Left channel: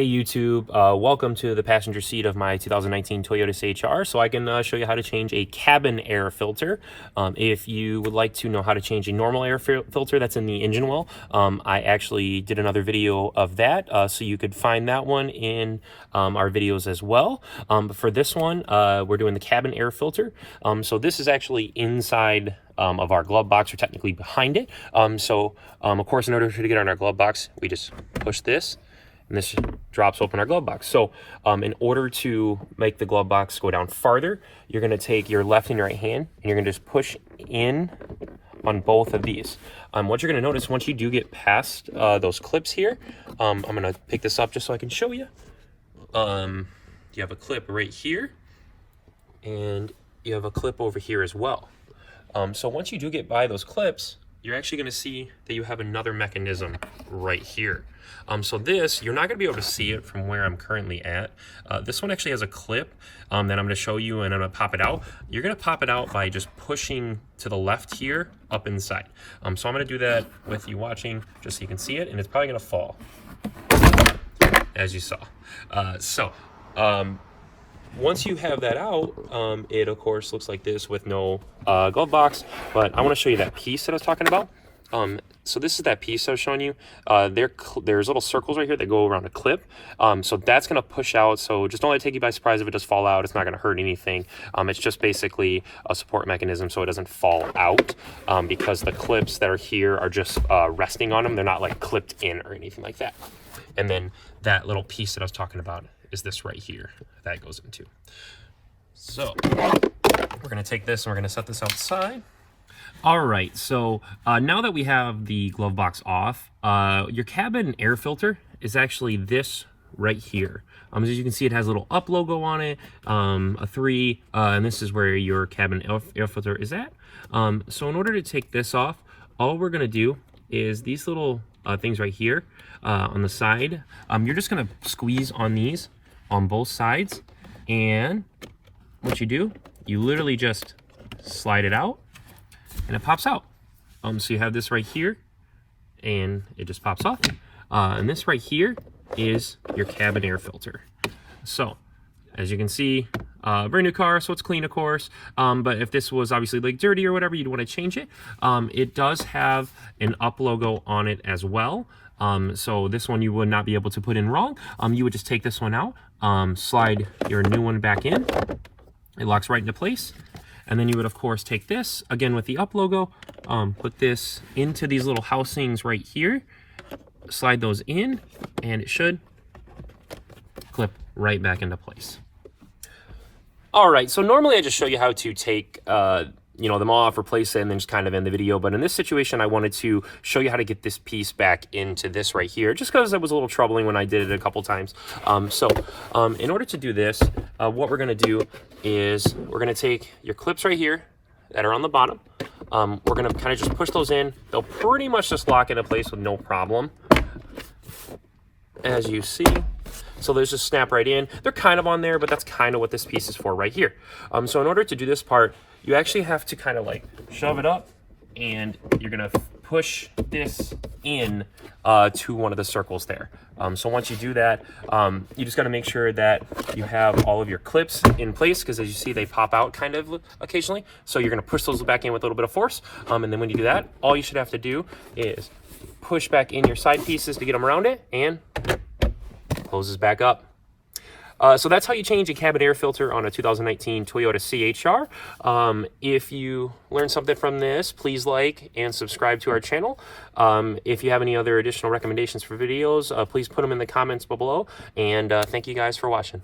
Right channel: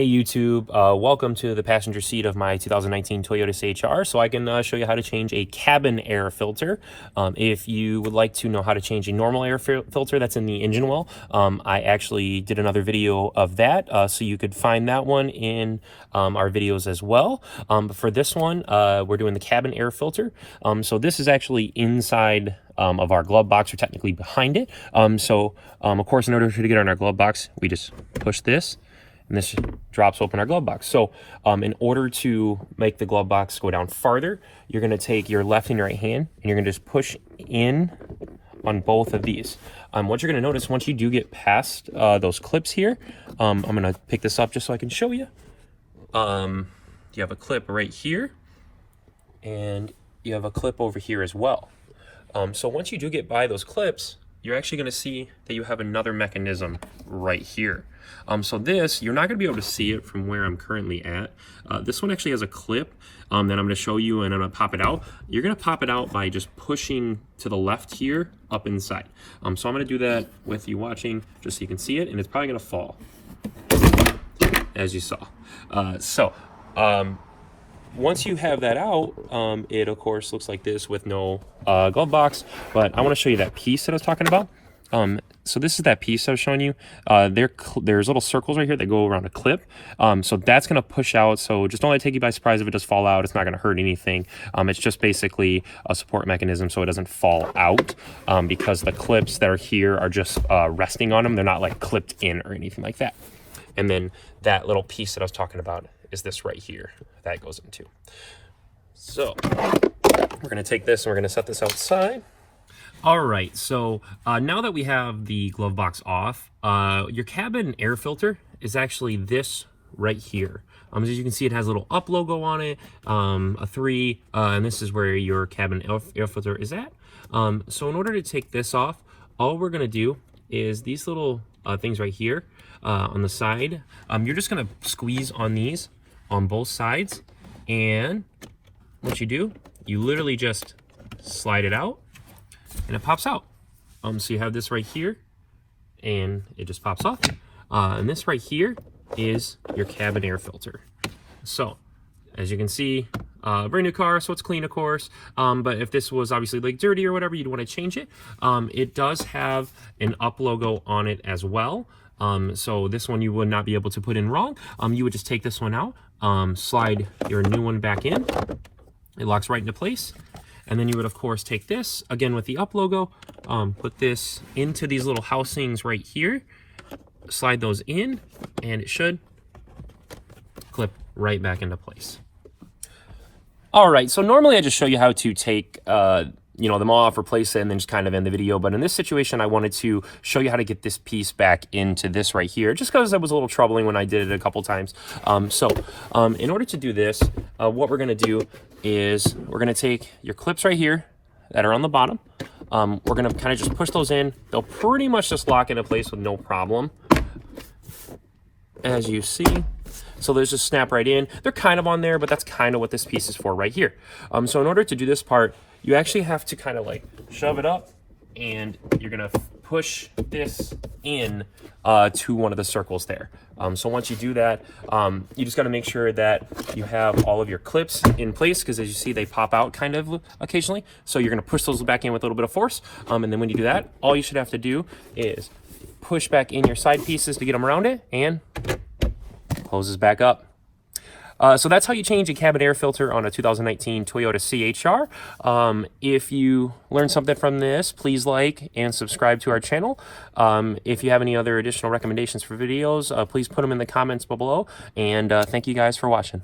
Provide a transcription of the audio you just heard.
Hey YouTube, welcome to the passenger seat of my 2019 Toyota CHR so I can show you how to change a cabin air filter. If you would like to know how to change a normal air filter that's in the engine well, I actually did another video of that, so you could find that one in our videos as well. But for this one, we're doing the cabin air filter. So this is actually inside of our glove box, or technically behind it. Of course, in order to get on our glove box, we just push this, and this drops open our glove box. So in order to make the glove box go down farther, you're going to take your left and right hand, and you're going to just push in on both of these. What you're going to notice once you do get past those clips here, I'm going to pick this up just so I can show you. You have a clip right here, and you have a clip over here as well. So once you do get by those clips, you're actually going to see that you have another mechanism right here. So this, you're not going to be able to see it from where I'm currently at. This one actually has a clip that I'm going to show you, and I'm going to pop it out. You're going to pop it out by just pushing to the left here up inside. So I'm going to do that with you watching just so you can see it, and it's probably going to fall, as you saw. Once you have that out, it of course looks like this with no glove box, but I want to show you that piece that I was talking about. So this is that piece I was showing you. There's little circles right here that go around a clip. So that's going to push out. So just don't let it take you by surprise if it does fall out. It's not going to hurt anything. It's just basically a support mechanism so it doesn't fall out, because the clips that are here are just resting on them. They're not like clipped in or anything like that. And then that little piece that I was talking about is this right here that goes into. So we're going to take this and we're going to set this outside. All right, so now that we have the glove box off, your cabin air filter is actually this right here. As you can see, it has a little up logo on it, a 3, and this is where your cabin air filter is at. So in order to take this off, all we're going to do is these little things right here on the side. You're just going to squeeze on these on both sides, and what you do, you literally just slide it out and it pops out. So you have this right here and it just pops off, and this right here is your cabin air filter. So as you can see, brand new car, so it's clean, of course, but if this was obviously like dirty or whatever, you'd want to change it. It does have an up logo on it as well. So this one you would not be able to put in wrong. You would just take this one out, slide your new one back in. It locks right into place. And then you would, of course, take this, again with the up logo, put this into these little housings right here, slide those in, and it should clip right back into place. All right, so normally I just show you how to take them off, replace it, and then just kind of end the video. But in this situation, I wanted to show you how to get this piece back into this right here, just because it was a little troubling when I did it a couple times. In order to do this, what we're going to do is we're going to take your clips right here that are on the bottom. We're going to kind of just push those in. They'll pretty much just lock into place with no problem, as you see. So there's just snap right in. They're kind of on there, but that's kind of what this piece is for right here. So in order to do this part, you actually have to kind of like shove it up, and you're gonna push this in to one of the circles there. So once you do that, you just gotta make sure that you have all of your clips in place, because as you see, they pop out kind of occasionally. So you're gonna push those back in with a little bit of force. And then when you do that, all you should have to do is push back in your side pieces to get them around it, and closes back up. So that's how you change a cabin air filter on a 2019 Toyota CHR. If you learned something from this, please like and subscribe to our channel. If you have any other additional recommendations for videos, please put them in the comments below. And thank you guys for watching.